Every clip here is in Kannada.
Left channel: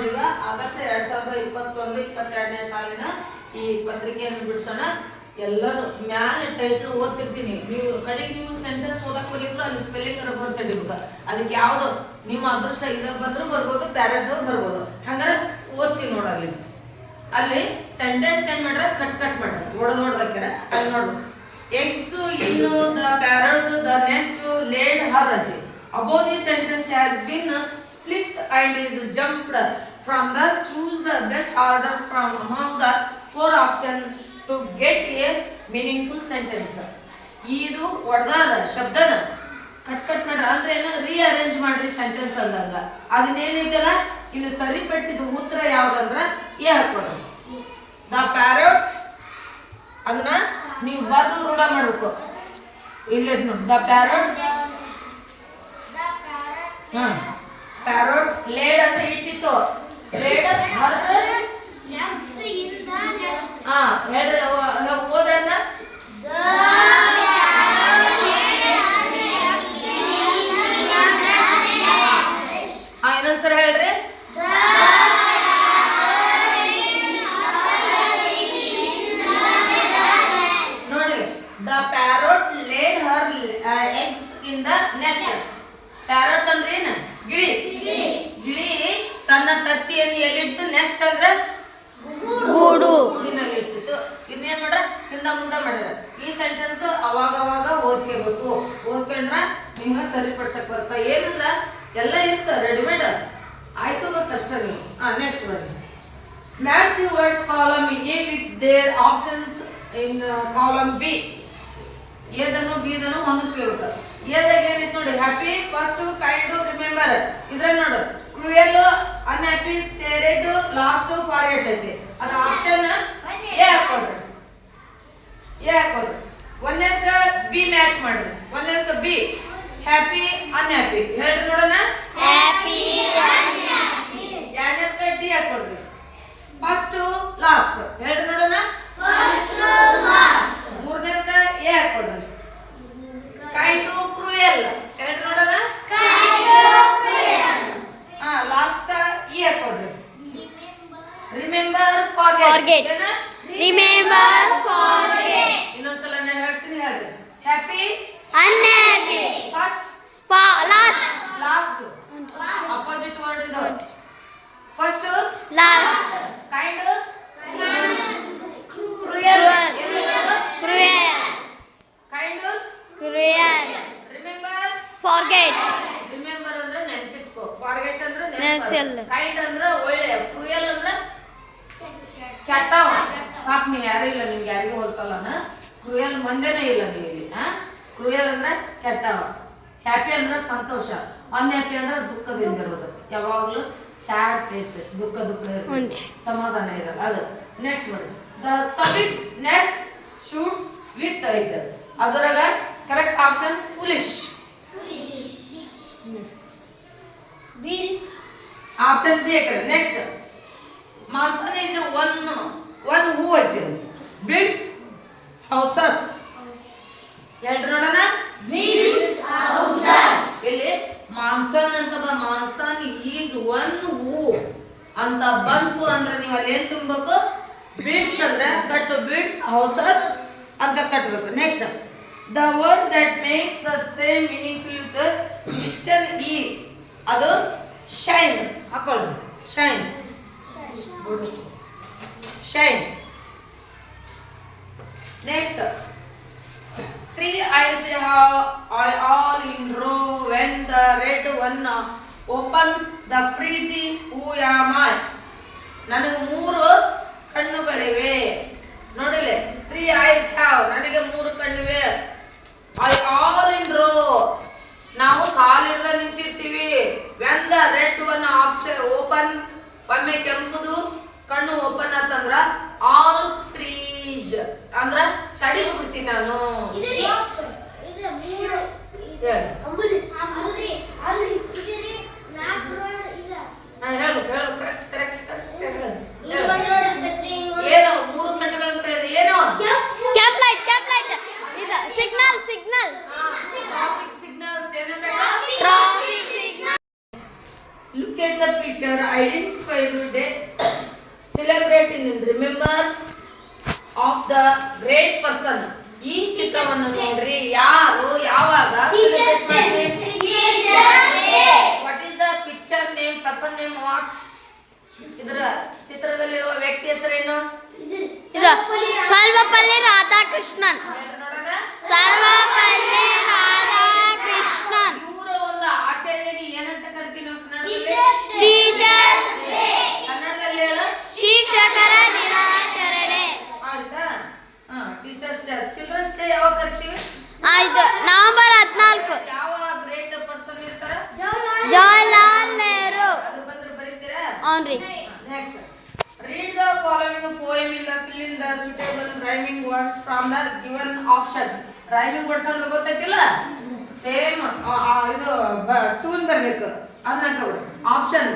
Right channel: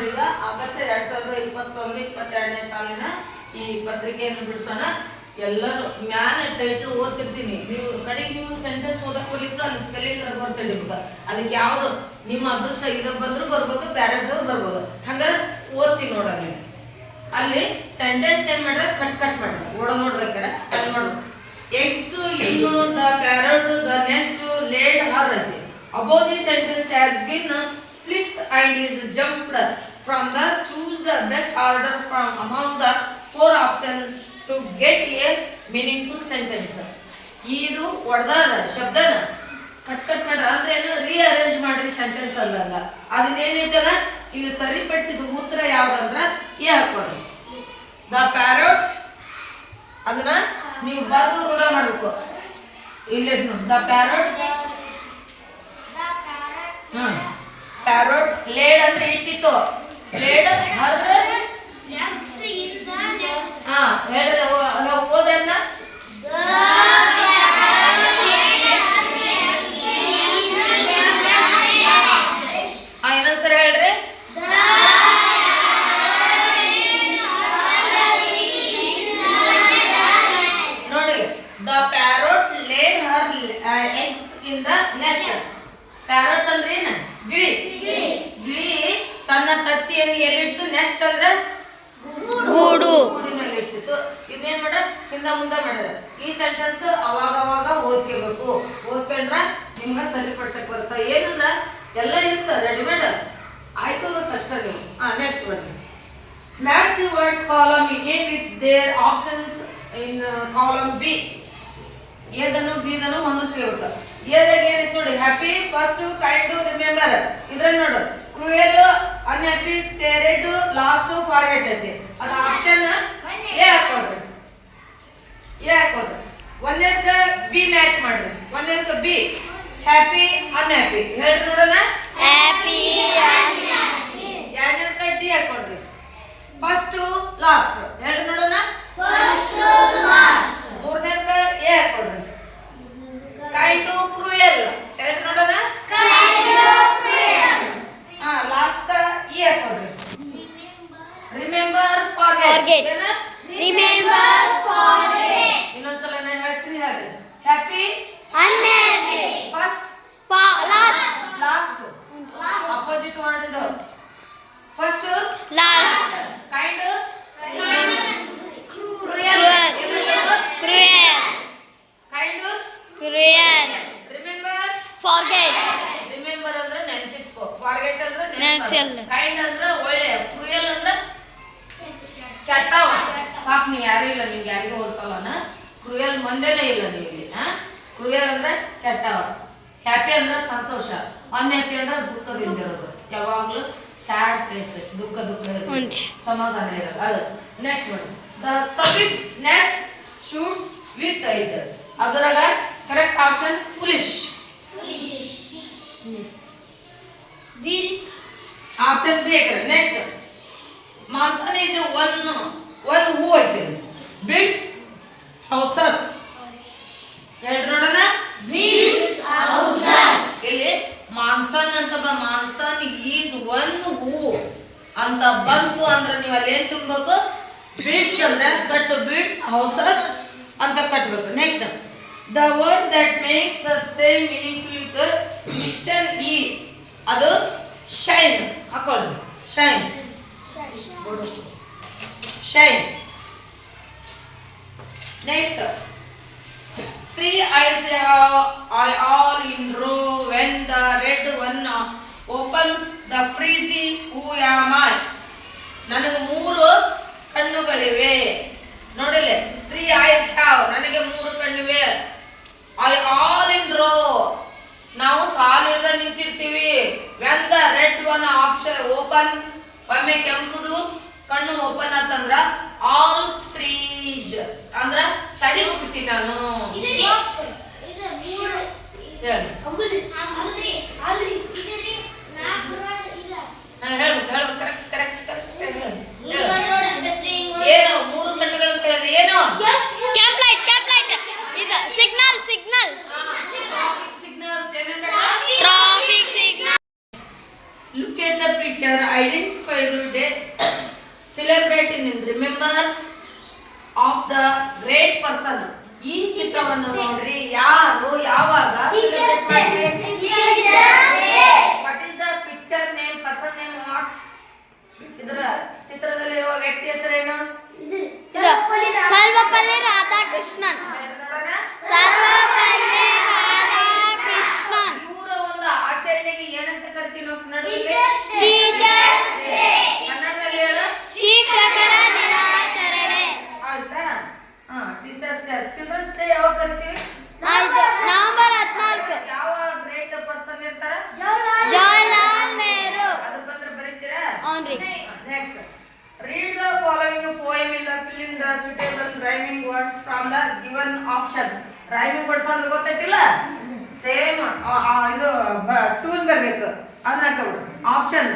ಈಗ ಆಗಸ್ಟ್ 2021-22ನೇ ಸಾಲಿನ ಈ ಪತ್ರಿಕೆಯನ್ನು ಬಿಡಿಸೋಣ. ಎಲ್ಲರೂ ಮ್ಯಾಲೆ ಟೈಟ್ಲ್ ಓದ್ತಿರ್ತೀನಿ, ನೀವು ಕಡೆಗೆ ನೀವು ಸೆಂಟೆನ್ಸ್ ಓದಕ್ಕೆ ಬರೀದ್ರು ಅಲ್ಲಿ ಸ್ಪೆಲ್ಲಿಂಗ್ ಬರ್ತಿರ್ಬೇಕು. ಅದಕ್ಕೆ ಯಾವುದು ನಿಮ್ಮ ಅದೃಷ್ಟ ಇದು ಬಂದರೂ ಬರ್ಬೋದು, ಬ್ಯಾರೆದು ಬರ್ಬೋದು. ಹಂಗಾರೆ ಓದ್ತೀನಿ ನೋಡಲ್ಲಿ. ಅಲ್ಲಿ ಸೆಂಟೆನ್ಸ್ ಏನು ಮಾಡ್ರೆ ಕಟ್ ಮಾಡ್ರೆ ನೋಡ್ದಾಕ್ಯಾರ ಅಲ್ಲಿ ನೋಡ್ರಿ. Eggs in the parrot the nest laid her ಐತಿ. Above the sentence has been split and is jumped from the choose the best order from among the four options to get a meaningful sentence. ಇದು ಹೊಡೆದಾರ ಶಬ್ದನ ಕಟ್ ಮಾಡ್ರ ಅಂದ್ರೆ ಏನು ರೀಅರೇಂಜ್ ಮಾಡ್ರಿ ಸೆಂಟೆನ್ಸ್ ಅಲ್ಲಂಗ. ಅದನ್ನೇನೈತಲ್ಲ ಇಲ್ಲಿ ಸರಿಪಡಿಸಿದ ಉತ್ತರ ಯಾವ್ದಂದ್ರ ಎ ಹಾಕೊಡ್ರಿ. ದ ಪ್ಯಾರಟ್ ಅದನ್ನ ನೀವು ಬರೆದು ರೂಢ ಮಾಡಬೇಕು. ಇಲ್ಲಿ ದ ಪ್ಯಾರಟ್ ಪ್ಯಾರೋಟ್ ಲೇಡ್ ಅಂದ್ರೆ ಇಟ್ಟಿತ್ತು. ಲೇಡ್ ಓದ್ರನ್ನ ಇನ್ನೊಂದ್ಸರಿ ಹೇಳ್ರಿ. ನೋಡಿ, the parrot laid her eggs in the nest. Parrot ಅಂದ್ರೆ ಏನು? ಗಿಳಿ. ಗಿಳಿ ತನ್ನ ತತ್ತಿಯನ್ನು ಎಲ್ಲಿಡ್ತು? ನೆಸ್ಟ್ ಅಂದ್ರೆ ಗೂಡಿನಲ್ಲಿ ಇರ್ತಿತ್ತು. ಇದನ್ನೇನ್ ಮಾಡ್ರ ಹಿಂದ ಮುಂದೆ ಮಾಡ್ಯಾರ. ಈ ಸೆಂಟೆನ್ಸ್ ಅವಾಗ ಓದ್ಕೋಬೇಕು. ಓದ್ಕೊಂಡ್ರ ನಿಮ್ಗ ಸರಿಪಡ್ಸಕ್ ಬರ್ತ. ಏನಂದ್ರ ಎಲ್ಲ ಇರ್ತ ರೆಡಿಮೇಡ್, ಆಯ್ಕೋಬೇಕು ಅಷ್ಟೇ ನೀವು. ನೆಕ್ಸ್ಟ್ ಬರ್ರಿ. Match the words column A with their options in column B. ಎದನ್ನು ಬಿದನ್ನು ಹೊಂದಿಸ್ಬೇಕು. ಎದಾಗ ಏನಿತ್ತು ನೋಡಿ, ಹ್ಯಾಪಿ, ಫಸ್ಟ್, ಕೈಂಡ್, ರಿಮೆಂಬರ್. ಇದ್ರಲ್ಲಿ ನೋಡು, cruel, unhappy, stared, last, forget ಐತಿ. ಅದು ಆಪ್ಷನ್ ಎ ಹಾಕೊಡ್ರಿ. ಒಂದನೇದಕ್ಕೆ ಬಿ ಮ್ಯಾಚ್ ಮಾಡ್ರಿ. ಒಂದನೇದಕ್ಕೆ ಬಿ ಹ್ಯಾಪಿ, ಅನ್ಹ್ಯಾಪಿ ಹೇಳ್ರಿ ನೋಡೋಣ. ಎರಡನೇದಕ್ಕೆ ಡಿ ಹಾಕೊಡ್ರಿ. ಫಸ್ಟ್, ಲಾಸ್ಟ್ ಹೇಳ್ರಿ ನೋಡೋಣ. ಮೂರನೇದಕ್ಕೆ ಎ ಹಾಕೊಡ್ರಿ. ಕೈಂಡ್, ಕ್ರೂಯಲ್ ಹೇಳ್ರಿ ನೋಡೋಣ. ಲಾಸ್ಟ್ ಇ ಹಾಕೊಡ್ರಿ. Remember, forget. ಇನ್ನೊಂದ್ಸಲ ನಾನು ಹೇಳ್ತೀನಿ, ಹೇಳ್ರಿ. Happy, unhappy, first, last opposite word ಇದು. First, last, kind, cruel, kind, remember, forget. Remember ಅಂದ್ರೆ ನೆನಪಿಸ್ಕೋ, ಫಾರ್ಗೆಟ್ ಅಂದ್ರೆ ನೆನಪಿಸಲ್ಲ, ಕೈಂಡ್ ಅಂದ್ರೆ ಒಳ್ಳೆ, ಕ್ರೂಯಲ್ ಅಂದ್ರೆ ಕೆಟ್ಟವ. ಪಾಪ ನೀವು ಯಾರು ಇಲ್ಲ, ನಿಮ್ಗೆ ಯಾರಿಗೂ ಹೋಲ್ಸಲ್ಲ. ಕ್ರೂಯಲ್ ಮಂದೇನೇ ಇಲ್ಲ ನೀವು ಇಲ್ಲಿ. ಕ್ರೂಯಲ್ ಅಂದ್ರೆ ಕೆಟ್ಟವ. ಹ್ಯಾಪಿ ಅಂದ್ರೆ ಸಂತೋಷ. ಅನ್ಹ್ಯಾಪಿ ಅಂದ್ರೆ ದುಃಖದಿಂದ ಇರೋದು. ಯಾವಾಗ್ಲೂ ಸ್ಯಾಡ್ ಫೇಸ್, ದುಃಖ ಸಮಾಧಾನ ಇರೋದು ಅದು. ನೆಕ್ಸ್ಟ್ ನೋಡಿ, the suffix ness suits with ಐತೆ. ಅದರಾಗ correct option foolish. Option B ಐತೆ. Next, mason is one who ಐತೆ. ಬಿಲ್ಡ್ಸ್ ಹೌಸಸ್ ಹೇಳ್ರಿ ನೋಡೋಣ. ಇಲ್ಲಿ ಮಾನ್ಸನ್ ಅಂತ ಮಾನ್ಸನ್ ಈಸ್ ಒನ್ ಹೂ ಅಂತ ಬಂತು ಅಂದ್ರೆ ನೀವು ಅಲ್ಲಿ ಏನ್ ತುಂಬಬೇಕು? ಬಿಲ್ಡ್ಸ್ ಅಂದ್ರೆ ಕಟ್ಟು, ಬಿಲ್ಡ್ಸ್ ಹೌಸಸ್ ಅಂತ ಕಟ್ಟಬೇಕು. Next, the word that makes the same meaningful with distance is. ಅದು ಶೈನ್ ಹಾಕೊಳ್ಳಿ. Shine. Next, 3 eyes are all in row when the red one opens the freezing who am I. ನನಗೆ 3 ಕಣ್ಣುಗಳಿವೆ. ನೋಡಿಲ್ಲ, 3 eyes have, ನನಗೆ 3 ಕಣ್ಣಿವೆ. all in row, ನಾವು ಸಾಲಿನಿಂದ ನಿಂತಿರ್ತೀವಿ. when the red one option open, ಒಮ್ಮೆ ಕೆಂಪುದು ಕಣ್ಣು ಓಪನ್ ಅಂತಂದ್ರ ಆಲ್ ಫ್ರೀಜ್ ಅಂದ್ರ ತಡಿಸ್ಬಿಡ್ತೀನಿ ನಾನು. ಏನು 3 ಕಣ್ಣುಗಳನ್ನು ಕಳೆದ ಏನು? ಕ್ಯಾಂಪ್ ಲೈಟ್ ಇದು signal. Traffic signal. Look at the picture, identify ಇದು day celebrate in remembers of the great person. ಈ ಚಿತ್ರವನ್ನು ನೋಡ್ರಿ, ಯಾರು ಯಾವಾಗ celebrate ಮಾಡ್ತೀವಿ? What is the picture name, person name, what? ಇದರ ಚಿತ್ರದಲ್ಲಿರುವ ವ್ಯಕ್ತಿ ಹೆಸರೇನು? ಸರ್ವಪಲ್ಲಿ ರಾಧಾಕೃಷ್ಣನ್. ನೋಡೋಣ. ಸರ್ವಪಲ್ಲಿ ರಾಧಾಕೃಷ್ಣನ್. ಇವರ ಒಂದು ಆಚರಣೆಗೆ ಏನಂತ ಕರಿತೀವಿ ನಾವು ಕನ್ನಡದಲ್ಲಿ? Teachers day. ಕನ್ನಡದಲ್ಲಿ ಹೇಳು. ಶಿಕ್ಷಕರ ದಿನಾಚರಣೆ. ಆಯ್ತಾ? Teachers day. ಚಿಲ್ಡ್ರನ್ಸ್ ಡೇ ಯಾವಾಗ ಕರಿತೀವಿ? ನವೆಂಬರ್ 14. ಯಾವ ಗ್ರೇಟ್ ಪರ್ಸನ್ ಇರ್ತಾರ? ಜವಾಹರ್ಲಾಲ್ ನೆಹರು. ಅದು ಬಂದ್ರೆ ಬರೀತೀರಾ? ಅವ್ನ್ರಿ. Next, read the following poem in the fill in the suitable rhyming words from the given options. rhyming words ಅಂದ್ರೆ ಗೊತ್ತೈತಿಲ್ಲ? ಸೇಮ್ ಇದು ಟ್ಯೂನ್ ಬರಬೇಕು, ಅದನ್ನ ಹಾಕೋದು. ಆಪ್ಷನ್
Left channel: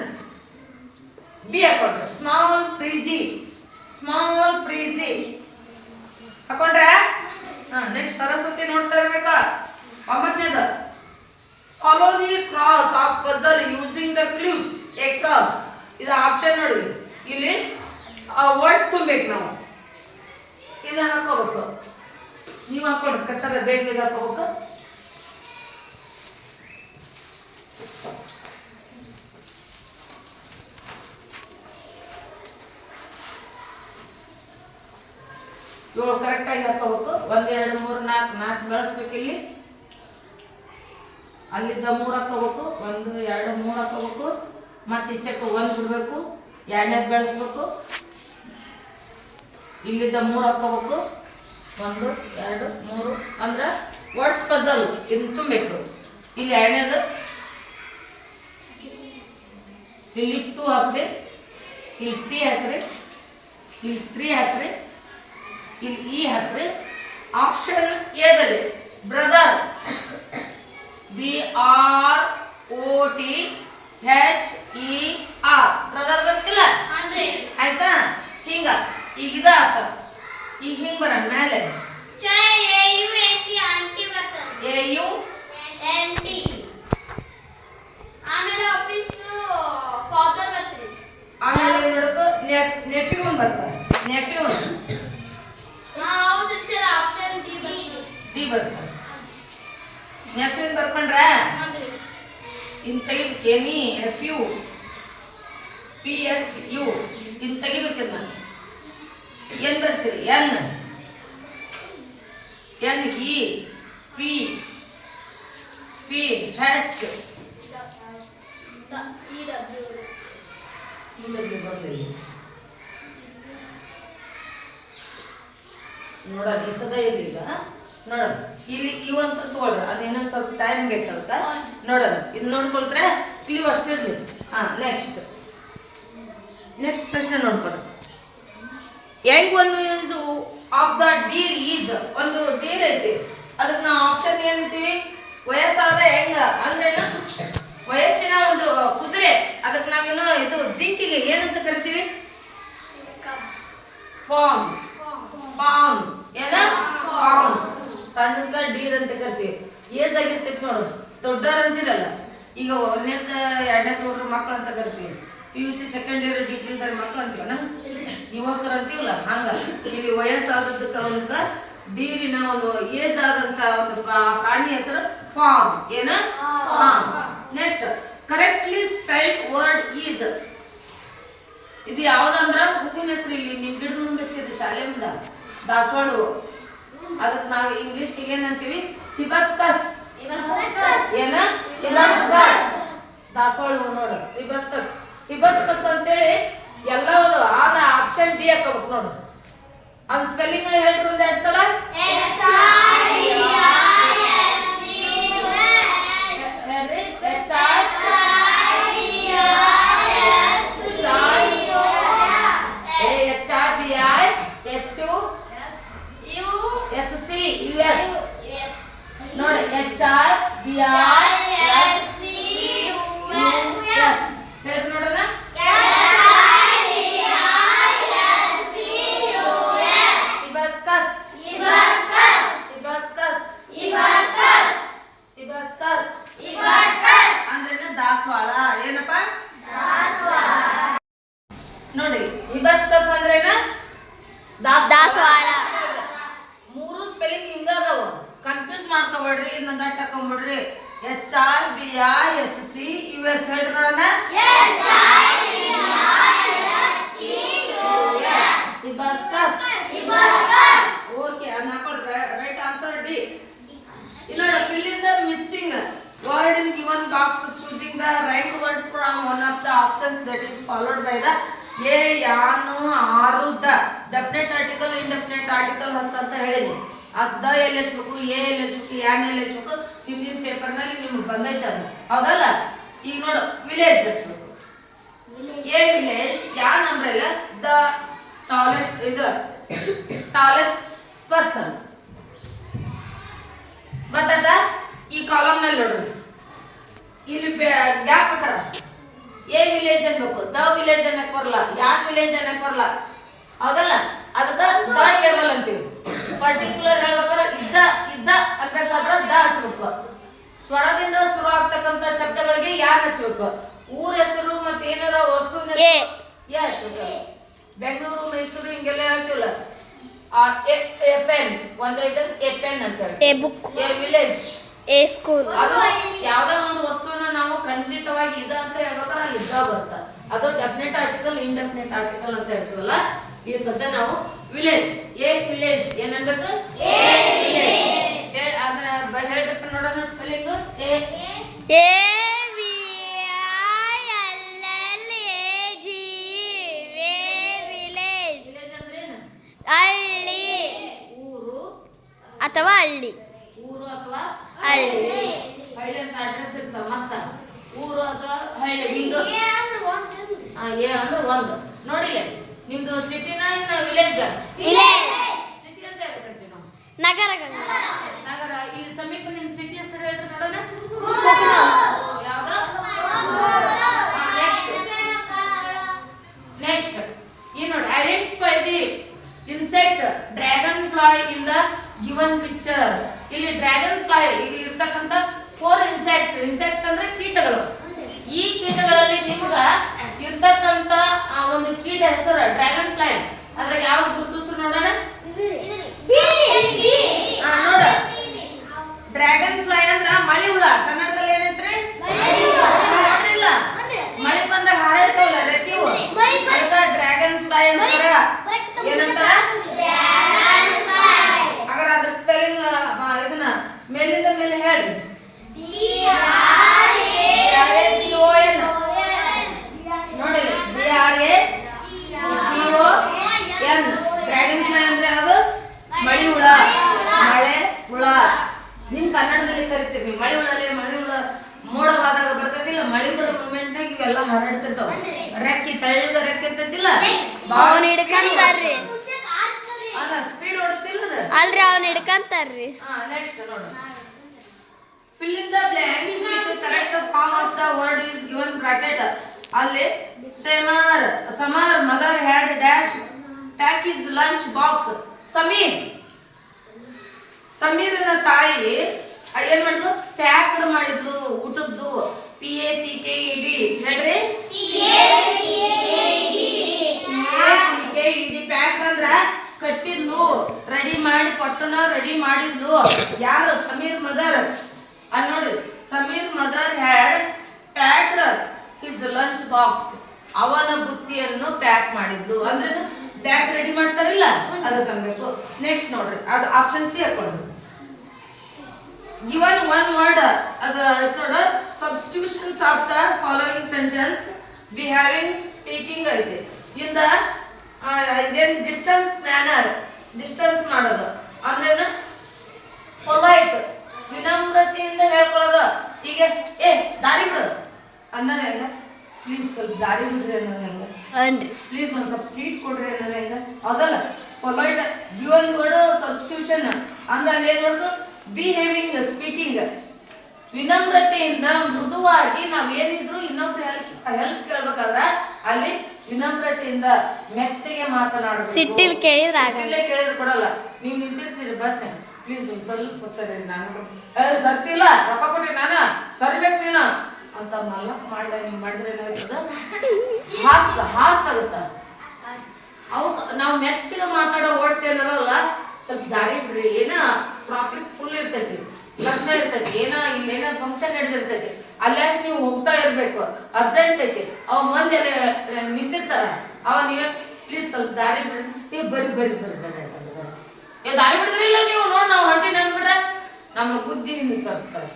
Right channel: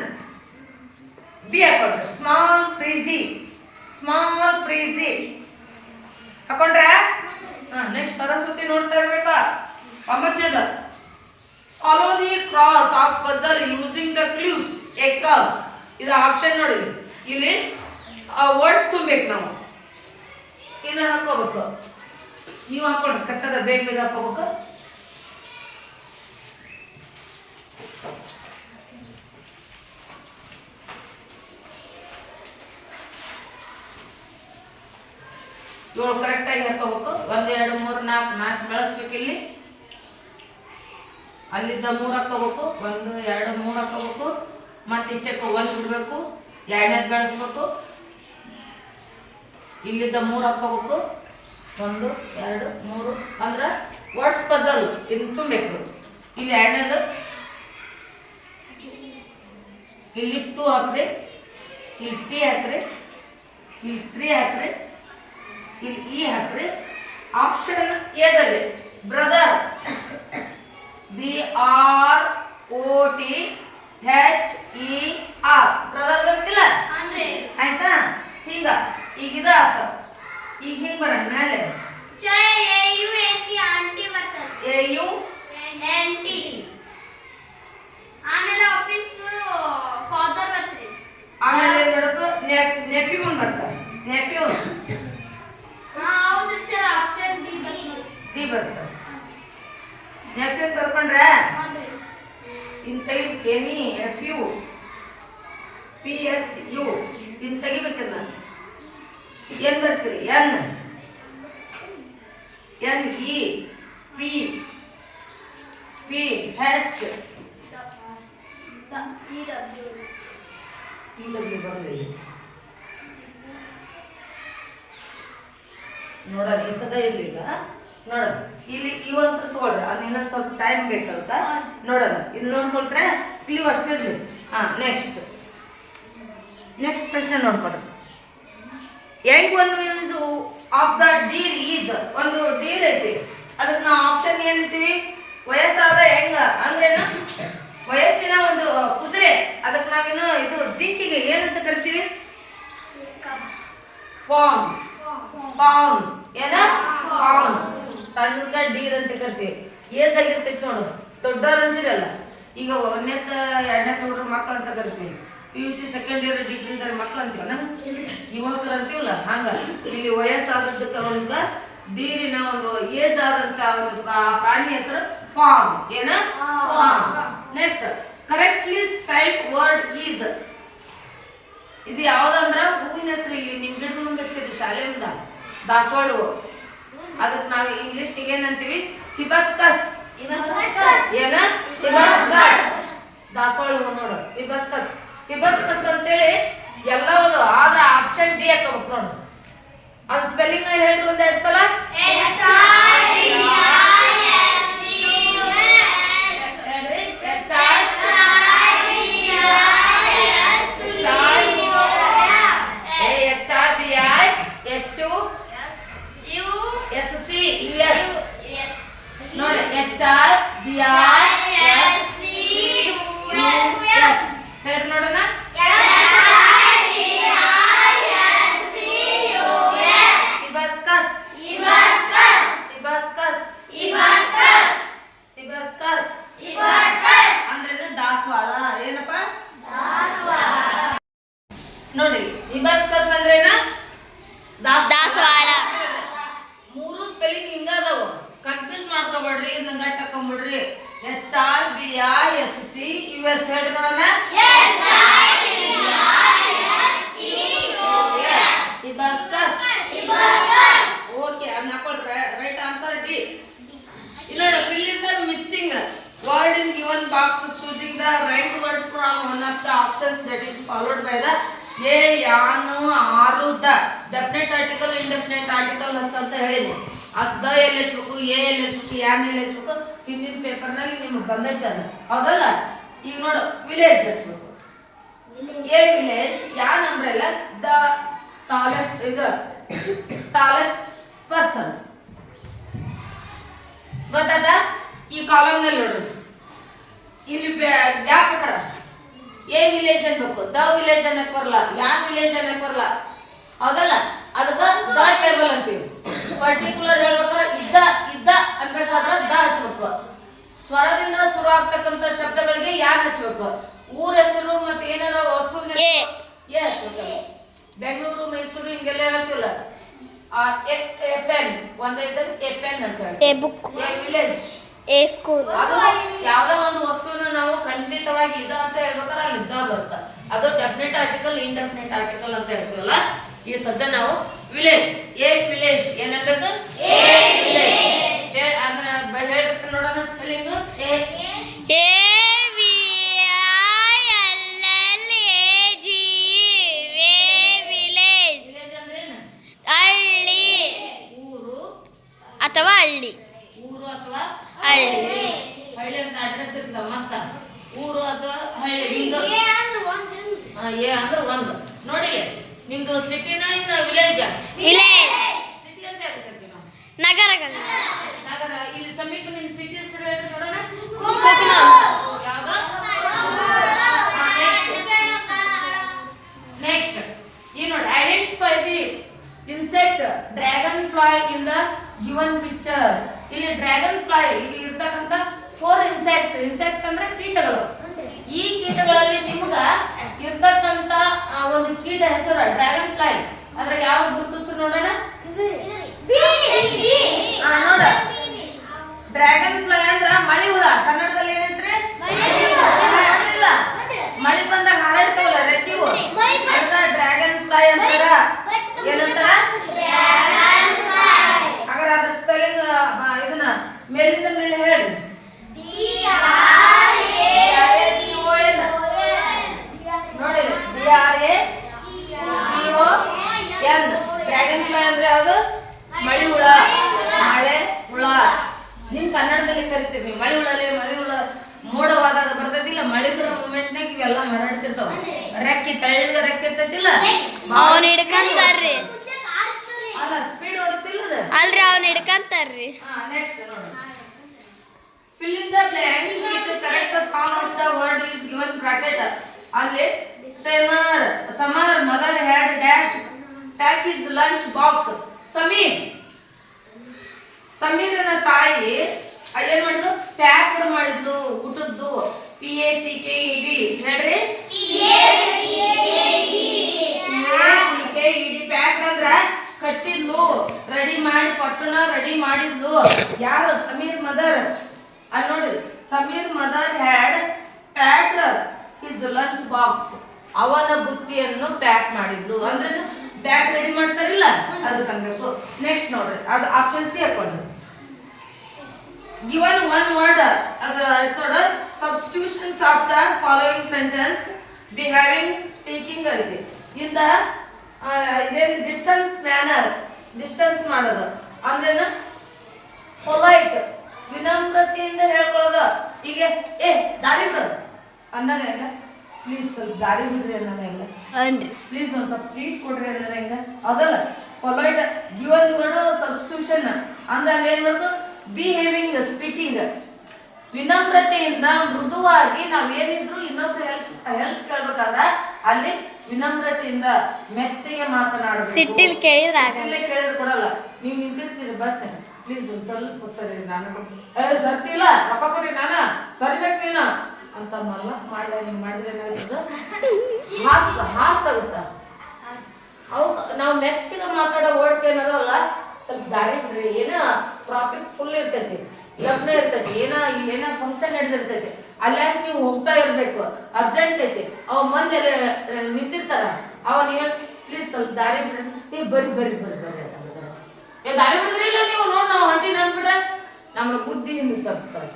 ಬಿ ಹಾಕೋದು. ಸ್ಮಾಲ್ ಪ್ರೀಸಿ ಹಾಕೊಂಡ್ರೆ. ನೆಕ್ಸ್ಟ್ ಸರಸ್ವತಿ ನೋಡ್ತಾ ಇರ್ಬೇಕಾ? 9ನೇದು, follow the cross of puzzle using the clues. A cross ಇದು ಆಪ್ಷನ್ ನೋಡಿ. ಇಲ್ಲಿ ವರ್ಡ್ಸ್ ತುಂಬಬೇಕು ನಾವು. ಇದನ್ನ ಹಾಕೋಬೇಕು. ನೀವು ಹಾಕೊಡ್ರಿ, ಕಚ್ಚದ ಬೇಗ ಬೇಗ ಹಾಕೋಬೇಕು. ಏಳು ಕರೆಕ್ಟಾಗಿ ಹಾಕೋಬೇಕು. 1 2 3 4 4 ಬೆಳೆಸ್ಬೇಕು. ಇಲ್ಲಿ ಅಲ್ಲಿದ್ದ 3 ಹಾಕೋಬೇಕು. 1 2 3 ಹಾಕೋಬೇಕು. ಮತ್ತೆ ಈಚೆಕ್ಕೆ 1 ಬಿಡಬೇಕು. 2ನೇದು ಬೆಳೆಸ್ಬೇಕು. ಇಲ್ಲಿದ್ದ 3 ಹಾಕೋಬೇಕು. 1 2 3 ಅಂದ್ರೆ ವರ್ಡ್ಸ್ ಪಜಲ್ ಇದನ್ನ ತುಂಬಬೇಕು. ಇಲ್ಲಿ 2ನೇದು, ಇಲ್ಲಿ 2 ಹಾಕ್ರಿ, ಇಲ್ಲಿ ಟಿ ಹಾಕ್ರಿ, ಇಲ್ಲಿ 3 ಹಾಕ್ರಿ, ಇಲ್ಲಿ ಇ ಹಾಕ್ರಿ. ಆಪ್ಷನ್ ಎದಲ್ಲಿ ಬ್ರದರ್, BROTHER ಬ್ರದರ್ ಬಂತಿಲ್ಲ? ಆಯ್ತಾ? ಹಿಂಗ ಈಗ ಇದ ಆತ. ಈಗ ಹಿಂಗ ಬರ ಮೇಲೆ AU ಆಮೇಲೆ ನೋಡೋದು ನೆಫ್ಯೂ ಬರ್ತಾರೆ. ನೆಫ್ಯೂ ಡಿ ಬರ್ತಾರೆ. ನೆಫ್ಯೂ ಬರ್ಕೊಂಡ್ರೆ ಇನ್ ತೆಗಿಬೇಕು. ಎನಿ FU PHU ಇನ್ ತೆಗಿಬೇಕದ. ಏನ್ ಬರ್ತೀರಿ? NEPH ಬರಲಿ. ನೋಡೋಣ ಈ ಸದ ಇರ್ಲಿ. ಈಗ ನೋಡೋಣ, ಇಲ್ಲಿ ಇವಂತ ತಗೊಳ್ರಿ. ಅದು ಇನ್ನೊಂದು ಸ್ವಲ್ಪ ಟೈಮ್ ಬೇಕಂತ ನೋಡೋಣ. ಇದು ನೋಡ್ಕೊಳ್ರೆ ಕ್ಲೀವ್ ಅಷ್ಟಿರ್ಲಿ. ನೆಕ್ಸ್ಟ್ ಪ್ರಶ್ನೆ ನೋಡ್ಕೊಡ್ರಿ. Young one is of the deer is. ಒಂದು ಡೀರ್ ಐತಿ, ಅದಕ್ಕೆ ನಾವು ಆಪ್ಷನ್ ಏನಂತೀವಿ? ವಯಸ್ಸಾದ ಹೆಂಗ ಅಂದ್ರೇನು? ವಯಸ್ಸಿನ ಒಂದು ಕುದುರೆ. ಅದಕ್ಕೆ ನಾವೇನು ಇದು ಜಿಂಕಿಗೆ ಏನಂತ ಕರಿತೀವಿ? ಫಾರ್ಮ್. ಏನ? ಫಾರ್ಮ್. ಸಣ್ಣದ ಡೀರ್ ಅಂತ ಕರಿತೀವಿ. ಏಜ್ ಆಗಿರ್ತೈತಿ ನೋಡು. ದೊಡ್ಡವ್ರು ಅಂತಿರಲ್ಲ. ಈಗ 1ನೇದ 2ನೇ ನೋಡ್ರಿ ಮಕ್ಳು ಅಂತ ಕರಿತೀವಿ. PUC ಸೆಕೆಂಡ್ ಇಯರ್ ಡಿಗ್ರಿ ಇದ್ದಾರೆ ಮಕ್ಳು ಅಂತೀವಲ್ಲ, ಯುವಕರು ಅಂತೀವಲ್ಲ. ಹಂಗ ಇಲ್ಲಿ ವಯಸ್ಸಾದಕ್ಕೆ ಅವನ್ಗ ಡೀರಿನ ಒಂದು ಏಜ್ ಆದಂತ ಒಂದು ಪ್ರಾಣಿ ಹೆಸರು ಫಾರ್ಮ್. ಏನ? Next, correctly spelled word is. ಇದು ಯಾವ್ದಂದ್ರ ಹೂವಿನ ಹೆಸರು. ಇಲ್ಲಿ ನಿಮ್ ಗಿಡದ ಮುಂದೆ ಹಚ್ಚಿದ್ರಿ ಶಾಲೆ ಮುಂದ ದಾಸವಾಳ. ಅದಕ್ಕೆ ನಾವು ಇಂಗ್ಲಿಷ್ಗೆ ಏನಂತೀವಿ? ಹಿಬಸ್ಕಸ್. ಏನ? ಹಿಬಸ್ಕಸ್. ದಾಸವಾಳ ಹೂ ನೋಡು, ಹಿಬಸ್ಕಸ್ ಅಂತೇಳಿ ಎಲ್ಲವದು. ಆದ್ರೆ ಆಪ್ಷನ್ ಡಿ ಹಾಕೋಬೇಕು ನೋಡು. ಅದು ಸ್ಪೆಲ್ಲಿಂಗ್ ಹೇಳ್ರಿ ಒಂದ್ 2 ಸಲ. ನೋಡಿ, HRBISCUS ಹೇಳ್ರಿ ನೋಡೋಣ. ಹಿಬಸ್ಕಸ್. ನೋಡಿ ಹಿಬಸ್ಕಸ್ ಅಂದ್ರೇನ ದಾಸವಾಳ. ಮೂರು ಸ್ಪೆಲ್ಲಿಂಗ್ ಹಿಂಗ ಅದಾವ, ಕನ್ಫ್ಯೂಸ್ ಮಾಡ್ಕೊಬೇಡ್ರಿ, ನಂಗೆ ಹಾಕೊಂಬಿಡ್ರಿ. HIBISC US ಹೇಳಿ ನೋಡೋಣ. ಹಿಬಸ್ಕಸ್. ಓಕೆ, ಅದನ್ನ ಹಾಕೊಳ್ರಿ. Right answer D. ಇಲ್ಲಿ ನೋಡಿ, fill in the missing word in given box choosing the right words from one of the options that is followed by the A, ಯಾನು, ಆರು, the. Definite article, indefinite article ಹಚ್ಚ ಅಂತ ಹೇಳಿದೆ. ಅದ ಎಲ್ಲಿ ಹಚ್ಬೇಕು, ಎ ಎಲ್ಲಿ ಹಚ್ಬೇಕು, ಯಾನ್ ಎಲ್ಲಿ ಹಚ್ಬೇಕು, ಹಿಂದಿನ ಪೇಪರ್ನಲ್ಲಿ ನಿಮ್ಗೆ ಬಂದೈತೆ ಅದು, ಹೌದಲ್ಲ? ಈಗ ನೋಡು, ವಿಲೇಜ್ ಹಚ್ಬೇಕು. ಎ ವಿಲೇಜ್, ಯಾನ್ ಅಂಬ್ರೆಲ್ಲ ದ ಟಾಲೆಸ್ಟ್, ಇದು ಟಾಲೆಸ್ಟ್ ಪರ್ಸನ್. ಗೊತ್ತಾದ? ಈ ಕಾಲಮ್ ನಲ್ಲಿ ನೋಡ್ರಿ, ಇಲ್ಲಿ ಗ್ಯಾಪ್ ಹಾಕಾರ. ಎ ವಿಲೇಜ್ ಅನ್ಬೇಕು, ದ ವಿಲೇಜ್ ಅನ್ನಕ್ ಬರಲ್ಲ, ಯಾನ್ ವಿಲೇಜ್ ಅನ್ನಕ್ ಬರಲ್ಲ, ಹೌದಲ್ಲ? ಅದಕ್ಕ ದ ಟೇಬಲ್ ಅಂತೀವಿ. ಪರ್ಟಿಕ್ಯುಲರ್ ಹೇಳ್ಬೇಕಾದ್ರೆ ಇದ್ದ ಅನ್ಬೇಕಾದ್ರೆ ದ ಹಚ್ಬೇಕು. ಸ್ವರದಿಂದ ಶುರು ಆಗ್ತಕ್ಕಂಥ ಶಬ್ದಗಳಿಗೆ ಯಾನ್ ಹಚ್ಬೇಕು. ಊರ ಹೆಸರು ಮತ್ತೆ ಏನಾರ ವಸ್ತು ಎ ಹಚ್ಬೇಕು. ಬೆಂಗಳೂರು, ಮೈಸೂರು ಹಿಂಗೆಲ್ಲ ಹೇಳ್ತೀವಲ್ಲ, ಎ ಪೆನ್ ಒಂದೈತೆ, ಎ ಪೆನ್ ಅಂತ ಹೇಳಿ. A book, A village, A school. ಅದು ಯಾವ್ದೋ ಒಂದು ವಸ್ತುನ ನಾವು ಖಂಡಿತವಾಗಿ ಇದ ಅಂತ ಹೇಳ್ಬೇಕಾದ್ರೆ ಅಲ್ಲಿ ಇದ್ದ ಬರುತ್ತ. ಅದು ಡೆಫಿನೆಟ್ ಆರ್ಟಿಕಲ್, ಇಂಡೆಫಿನೆಟ್ ಆರ್ಟಿಕಲ್ ಅಂತ ಹೇಳ್ತೀವಲ್ಲ. ಈ ಸದ್ಯ ನಾವು ವಿಲೇಜ್, ಎ ವಿಲೇಜ್ ಏನನ್ಬೇಕು, ಅದನ್ನ ಹೇಳ್ಬೇಕು ನೋಡೋಣ ಸ್ಪೆಲ್ಲಿಂಗ್. ಎ ವಿಲೇಜ್ ವಿಲೇಜ್ ಅಂದ್ರೆ ಏನು? ಹಳ್ಳಿ ಊರು ಅಥವಾ ಹಳ್ಳಿ. ಊರು ಅಥವಾ ಹಳ್ಳಿ. ಹಳ್ಳಿ ಅಂತ ಅಡ್ರೆಸ್ ಇರ್ತಾವ. ಮತ್ತ ಊರು ಅಥವಾ ಹಳ್ಳಿ, ಹಿಂಗ ಎ ಅಂದ್ರೆ ಒಂದು. ನೋಡಿ, ನಿಮ್ದು ಸಿಟಿನ ಇನ್ನ ವಿಲೇಜ್? ವಿಲೇಜ್. ಸಿಟಿ ಅಂತ ಹೇಳ್ತೀವಿ ನಾವು, ನಗರಗಳು. ನಗರ. ಇಲ್ಲಿ ಸಮೀಪ ನಿಮ್ ಸಿಟಿ ಹೆಸರು ಹೇಳ್ರಿ ನೋಡೋಣ. ಯಾವ್ದು? ನೆಕ್ಸ್ಟ್ ಈ ನೋಡಿ, identify the insect dragon fly in the given picture. ಇಲ್ಲಿ ಡ್ರ್ಯಾಗನ್ ಫ್ಲೈ ಇಲ್ಲಿ ಇರ್ತಕ್ಕಂಥ 4 ಇನ್ಸೆಕ್ಟ್ ಅಂದ್ರೆ ಕೀಟಗಳು. ಈ ಕೀಟಗಳಲ್ಲಿ ನಿಮ್ಗ ಇರ್ತಕ್ಕಂಥ ಒಂದು ಕೀಟ ಹೆಸರು ಡ್ರ್ಯಾಗನ್ ಫ್ಲೈ. ಅದ್ರಾಗ ಯಾವ ಗುರುತಿಸ್ರು ನೋಡೋಣ. ನೋಡ, ಡ್ರ್ಯಾಗನ್ ಫ್ಲೈ ಅಂದ್ರ ಮಳಿ ಹುಳ. ಕನ್ನಡದಲ್ಲಿ ಏನೈತ್ರಿ? ನೋಡ್ರಿ, ಇಲ್ಲ ಮಳಿ ಬಂದಾಗ ಹಾರಾಡ್ತಾವಲ್ಲ ರೆಕ್ಕಿವು, ಅದಕ್ಕ ಡ್ರ್ಯಾಗನ್ ಫ್ಲೈ ಅಂತಾರ. ಏನಂತಾರ? ಹಾಗಾದ್ರೆ ಅದ್ರ ಸ್ಪೆಲ್ಲಿಂಗ್ ಇದನ್ನ ಮೇಲಿಂದ ಮೇಲೆ ಹೇಳ್ರಿ. ನೋಡಿ, DRAGON. ಡ್ರ್ಯಾಗನ್ ಫ್ಲೈ ಅಂದ್ರೆ ಅದು ಮಳಿ ಹುಳ, ಮಳೆ ಹುಳ. ನಿಮ್ ಕನ್ನಡದಲ್ಲಿ ಕರಿತೀವಿ ನೀವು ಮಳಿ ಹುಳ. ಮಳಿ ಹುಳ ಮೋಡವಾದಾಗ ಬರ್ತೈತಿಲ್ಲ, ಮಳಿ ಬರೋ ಮೂಮೆಂಟ್ನಾಗ ಇವೆಲ್ಲ ಹಾರಾಡ್ತಿರ್ತಾವ. ರೆಕ್ಕಿ ತೆಳ್ಳಗ ರೆಕ್ಕೆ ಇರ್ತೈತಿಲ್ಲ, ಅವನ್ ಹಿಡ್ಕಂತಾರ್ರಿ. ಅದ ಸ್ಪೀಡ್ ಹೊಡಿತಿಲ್ಲ ಅಲ್ರಿ, ಅವನ್ ಹಿಡ್ಕಂತಾರ್ರಿ. ನೆಕ್ಸ್ಟ್ ನೋಡು, fill in the blanks with the correct form of the word is given bracket. ಅಲ್ಲಿ Samar mother had dash pack his lunch box. ಸಮೀರನ ತಾಯಿ ಏನ್ ಮಾಡಿದ್ರು? ಪ್ಯಾಕ್ಡ್ ಮಾಡಿದ್ಲು ಊಟದ್ದು. PACKED ಹೇಳ್ರಿ. PACKED ಪ್ಯಾಕ್ಡ್ ಅಂದ್ರ ಕಟ್ಟಿದ್ಲು, ರೆಡಿ ಮಾಡಿ ಪಟ್ಟಣ ರೆಡಿ ಮಾಡಿದ್ಲು. ಯಾರು? ಸಮೀರ್ ಮದರ್. ಅಲ್ಲಿ ನೋಡ್ರಿ, Sameer mother had packed his lunch box. ಅವನ ಬುತ್ತಿಯನ್ನು ಪ್ಯಾಕ್ ಮಾಡಿದ್ಲು ಅಂದ್ರೆ ಬ್ಯಾಗ್ ರೆಡಿ ಮಾಡ್ತಾರಿಲ್ಲ, ಅದಕ್ಕೆ ಅನ್ಬೇಕು. ನೆಕ್ಸ್ಟ್ ನೋಡ್ರಿ, ಅದು ಆಪ್ಷನ್ ಸಿ ಹಾಕೊಂಡ್ರಿ. ಗಿವನ್ ಒನ್ ವರ್ಡ್, ಅದು ನೋಡ, substitutions of the following sentence behaving speaking ಐತಿ. ಇಂದ ಇದೇನು ಡಿಸ್ಟೆನ್ಸ್ ಮ್ಯಾನರ್, ಡಿಸ್ಟೆನ್ಸ್ ಮಾಡೋದು ಅಂದ್ರೇನು? ಪೊಲೈಟ್, ವಿನಮ್ರತೆಯಿಂದ ಹೇಳ್ಕೊಳ್ಳೋದು. ಈಗ ದಾರಿ ಬಿಡು ಅನ್ನೋದೇ ಹೆಂಗ? ಪ್ಲೀಸ್ ಸ್ವಲ್ಪ ದಾರಿ ಬಿಡ್ರಿ ಅನ್ನೋದು ಹೆಂಗ? ಪ್ಲೀಸ್ ಒಂದ್ ಸ್ವಲ್ಪ ಸೀಟ್ ಕೊಡ್ರಿ ಅನ್ನೋದು ಹೆಂಗ? ಅದಲ್ಲ ಪೊಲೈಟ್. ಗಿವನ್ ವರ್ಡ್ ಸಬ್ಸ್ಟಿಟ್ಯೂಷನ್ ಅಂದ್ರೆ ಅಲ್ಲಿ ಏನ್ ಮಾಡೋದು? Behaving speaking. ವಿನಮ್ರತೆಯಿಂದ ಮೃದುವಾಗಿ ನಾವ್ ಏನಿದ್ರು ಇನ್ನೊಬ್ರು ಹೆಲ್ಪ್ ಕೇಳ್ಬೇಕಾದ್ರ ಅಲ್ಲಿ ವಿನಮ್ರತೆಯಿಂದ ಮೆತ್ತಗೆ ಮಾತನಾಡಬೇಕು. ಸಿಟ್ಟಿಲ್ ಕೇಳಿದ್ರೆ ಕೊಡಲ್ಲ. ನೀವು ನಿಂತಿರ್ತೀರಿ ಬಸ್, ಪ್ಲೀಸ್ ಸ್ವಲ್ಪ ಸರಿ, ನಾನು ಸರ್ತಿಲ್ಲ ರೊಕ್ಕ ಕೊಟ್ಟಿ ನಾನು ಸರಿಬೇಕು ನೀನು ಅಂತ ಮಲ್ಲ ಮಾಡ್ಲ. ನೀವು ಮಾಡಿದ್ರೆ ಏನಾಗ್ತದ? ಹಾಸ್ಯ ಆಗುತ್ತ. ನಾವು ಮೆತ್ತಿಗೆ ಮಾತಾಡೋ ವರ್ಡ್ಸ್ ಏನದಲ್ಲ ಸ್ವಲ್ಪ ದಾರಿ ಬಿಡ್ರಿ. ಏನ ಟ್ರಾಫಿಕ್ ಫುಲ್ ಇರ್ತೈತಿ, ಲಗ್ನ ಇರ್ತೈತಿ, ಏನ ಫಂಕ್ಷನ್ ನಡೆದಿರ್ತೈತಿ, ಅಲ್ಲಷ್ಟು ನೀವು ಹೋಗ್ತಾ ಇರ್ಬೇಕು, ಅರ್ಜೆಂಟ್ ಐತಿ, ಅವ ಮಂದಿ ಎಲ್ಲ ನಿಂತಿರ್ತಾರ, ಅವ ನೀವು ಪ್ಲೀಸ್ ಸ್ವಲ್ಪ ದಾರಿ ಬಿಡ್ರಿ, ನೀವು ಬರ್ರಿ ಬರ್ರಿ ಬರ್ರಿ ಬರ್ರಿ ನೀವು ದಾರಿ ಬಿಡಿದ್ರಿಲ್ಲ ನೀವು ನೋಡಿ ನಾವು ಹೊಂಟಿನ ಅಂದ್ಬಿಟ್ರೆ ನಮ್ಮನ್ನ ಬುದ್ಧಿಯಿಂದ ಸರಿಸ್ತಾರೆ.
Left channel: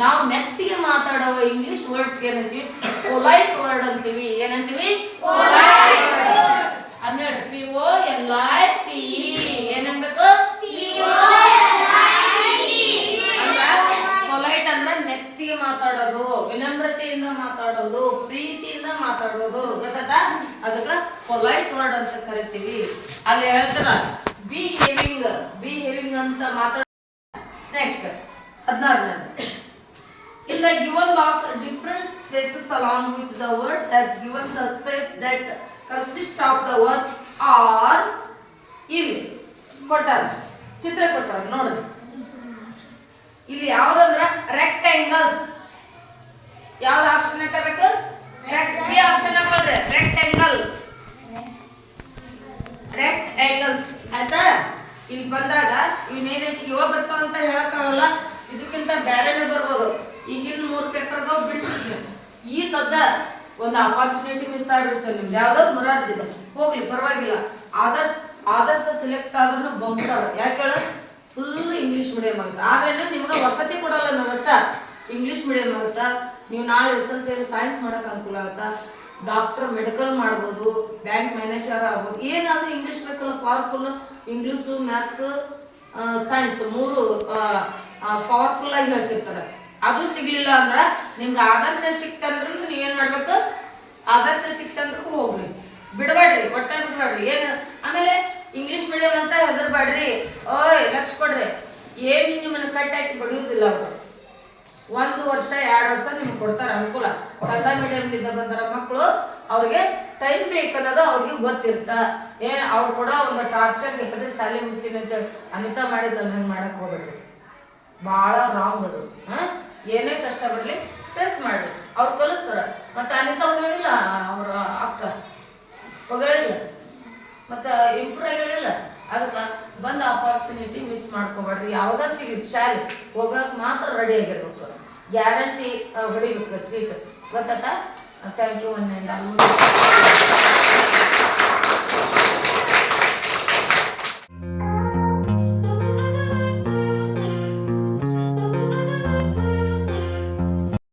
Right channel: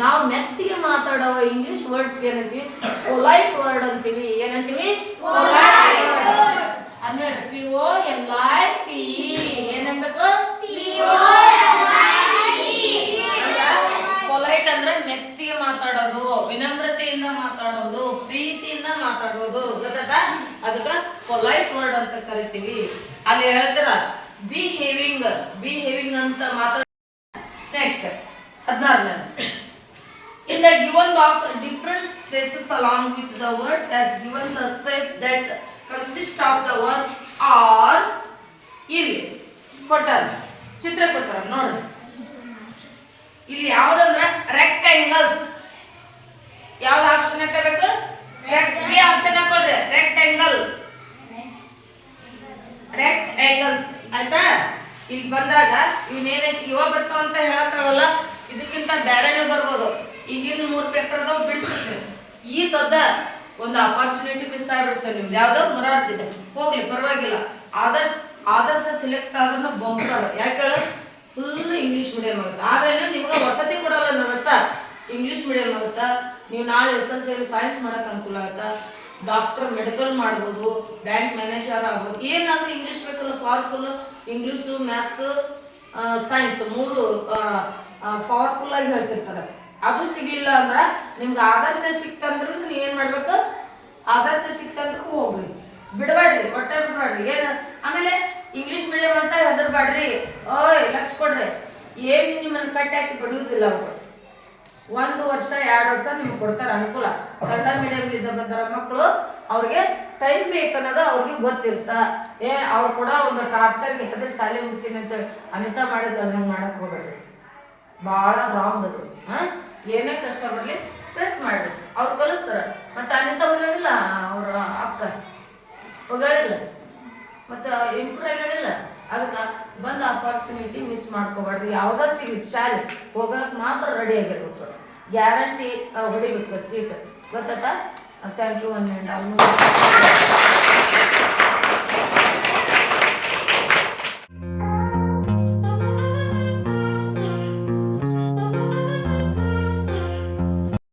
ನಾವು ಮೆತ್ತಿಗೆ ಮಾತಾಡೋ ಇಂಗ್ಲಿಷ್ ವರ್ಡ್ಸ್ಗೆ ಏನಂತೀವಿ? ಪೊಲೈಟ್ ವರ್ಡ್ ಅಂತೀವಿ. ಏನಂತೀವಿ? ಹನ್ನೆರಡು POLIT. ಏನನ್ಬೇಕು? ಪೊಲೈಟ್ ಅಂದ್ರೆ ಮೆತ್ತಿಗೆ ಮಾತಾಡೋದು, ವಿನಮ್ರತೆಯಿಂದ ಮಾತಾಡೋದು, ಪ್ರೀತಿಯಿಂದ ಮಾತಾಡೋದು, ಗೊತ್ತಾ? ಅದಕ್ಕೆ ಪೊಲೈಟ್ ವರ್ಡ್ ಅಂತ ಕರಿತೀವಿ. ಅಲ್ಲಿ ಹೇಳ್ತಾರ ಬಿಹೇವಿಂಗ್ ಅಂತ ಮಾತಾಡ. Next 16ನೇ. In the given box, different spaces along with the words as given the space that consist of the words are. ಇಲ್ಲಿ ಕೊಟ್ಟಾರ, ಚಿತ್ರ ಕೊಟ್ಟಾರ ನೋಡ್ರಿ. ಇಲ್ಲಿ ಯಾವ್ದಂದ್ರ ರೆಕ್ಟ್ಯಾಂಗಲ್ಸ್. ಯಾವ್ದು ಆಪ್ಷನ್ ಹಾಕಬೇಕು? ಬಿ ಆಪ್ಷನ್ ಹಾಕೊಳ್ರಿ. ರೆಕ್ಟ್ಯಾಂಗಲ್ಸ್ ಆಯ್ತಾ? ಇಲ್ಲಿ ಬಂದಾಗ ಇವನೇನೈತಿ ಇವಾಗ ಬರ್ತಾವ ಅಂತ ಹೇಳಕ್ಕಾಗಲ್ಲ, ಇದಕ್ಕಿಂತ ಬೇರೆನೇ ಬರ್ಬೋದು. ಈಗಿನ 3 ಪೇಪರ್ ಅದಾವ, ಬಿಡಿಸಿದ್ವಿ. ಈ ಸದ್ದ ಒಂದು ಅಪಾರ್ಚುನಿಟಿ ಮಿಸ್ ಆಗ್ಬಿಡ್ತೇವೆ ನಿಮ್ದು. ಯಾವ್ದೋ ಮುರಾರ್ಜಿ ಇದೆ, ಹೋಗ್ಲಿ ಪರವಾಗಿಲ್ಲ. ಆದರ್ಶ ಸೆಲೆಕ್ಟ್ ಆದ್ರೂ ಬಂತಾರ. ಯಾಕೆ ಹೇಳ? ಫುಲ್ ಇಂಗ್ಲೀಷ್ ಮೀಡಿಯಂ ಆಗುತ್ತೆ. ಆದ್ರೆ ನಿಮ್ಗೆ ವಸತಿ ಕೊಡಲ್ಲ ನಾವಷ್ಟ. ಇಂಗ್ಲೀಷ್ ಮೀಡಿಯಂ ಆಗುತ್ತಾ, ನೀವು ನಾಳೆ SLC ಸೈನ್ಸ್ ಮಾಡಕ್ ಅನುಕೂಲ ಆಗುತ್ತಾ, ಡಾಕ್ಟರ್ ಮೆಡಿಕಲ್ ಮಾಡ್ಬೋದು, ಬ್ಯಾಂಕ್ ಮ್ಯಾನೇಜರ್ ಆಗ್ಬೋದು. ಏನಾದ್ರೂ ಇಂಗ್ಲೀಷ್ ಬೇಕಲ್ಲ, powerful. English, maths, science 3 powerful ಆಗಿ ಹೇಳ್ತಿರ್ತಾರೆ. ಅದು ಸಿಗ್ಲಿಲ್ಲ ಅಂದ್ರೆ ನಿಮ್ಗೆ ಆದರ್ಶ ಸಿಕ್ತಂದ್ರೆ ನೀವೇನ್ ಮಾಡ್ಬೇಕು? ಆದರ್ಶ ಸಿಕ್ತಂದ್ರೆ ಹೋಗ್ರಿ, ಬಿಡಬೇಡ್ರಿ, ಒಟ್ಟ ಬಿಡ್ಬೇಡ್ರಿ. ಆಮೇಲೆ ಇಂಗ್ಲೀಷ್ ಮೀಡಿಯಂ ಅಂತ ಹೆದರ್ಬೇಡ್ರಿ. ಓಯ್ ಲಕ್ಷ ಕೊಡ್ರಿ, ಏನು ನಿಮ್ಮನ್ನ ಕಟ್ಟಾಕಿ ಬಡಿಯುವುದಿಲ್ಲ ಅವರು. 1 ವರ್ಷ 2 ವರ್ಷ ನಿಮ್ಗೆ ಕೊಡ್ತಾರೆ ಅನುಕೂಲ. ಕನ್ನಡ ಮೀಡಿಯಂಲಿದ್ದ ಬಂದರ ಮಕ್ಕಳು ಅವ್ರಿಗೆ ಟೈಮ್ ಬೇಕನ್ನೋದು ಅವ್ರಿಗೆ ಗೊತ್ತಿರ್ತ. ಅವ್ರು ಕೂಡ ಒಂದು ಟಾರ್ಚರ್ಗೆ ಹೆದರಿ ಶಾಲೆ ಮುಗ್ತೀನಿ ಅಂತೇಳಿ ಅನಿತಾ ಮಾಡಿದ್ದು ಹಂಗೆ ಮಾಡಕ್ ಹೋಗ್ಬೇಡ್ರಿ, ಭಾಳ ರಾಂಗ್ ಅದು. ಏನೇ ಕಷ್ಟ ಬರಲಿ ಫೇಸ್ ಮಾಡ್ರಿ, ಅವ್ರು ಕಲಿಸ್ತಾರ. ಮತ್ತೆ ಅನಿತಾ ಹೋಗಳಿಲ್ಲ, ಅವ್ರ ಅಕ್ಕ ಹೋಗಳಿಲ್ಲ, ಮತ್ತು ಇಂಪ್ರೂವ್ ಆಗಿಲ್ಲ. ಅದಕ್ಕೆ ಬಂದ ಆಪರ್ಚುನಿಟಿ ಮಿಸ್ ಮಾಡ್ಕೋಬೇಡ್ರಿ. ಯಾವುದೋ ಸಿಗ್ಲಿ ಶಾಲೆ ಹೋಗಕ್ಕೆ ಮಾತ್ರ ರೆಡಿ ಆಗಿರ್ಬೇಕು, ಗ್ಯಾರಂಟಿ ಹೊಡಿಬೇಕು ಸೀಟ್. ಗೊತ್ತಾ? Thank you. 1 and all.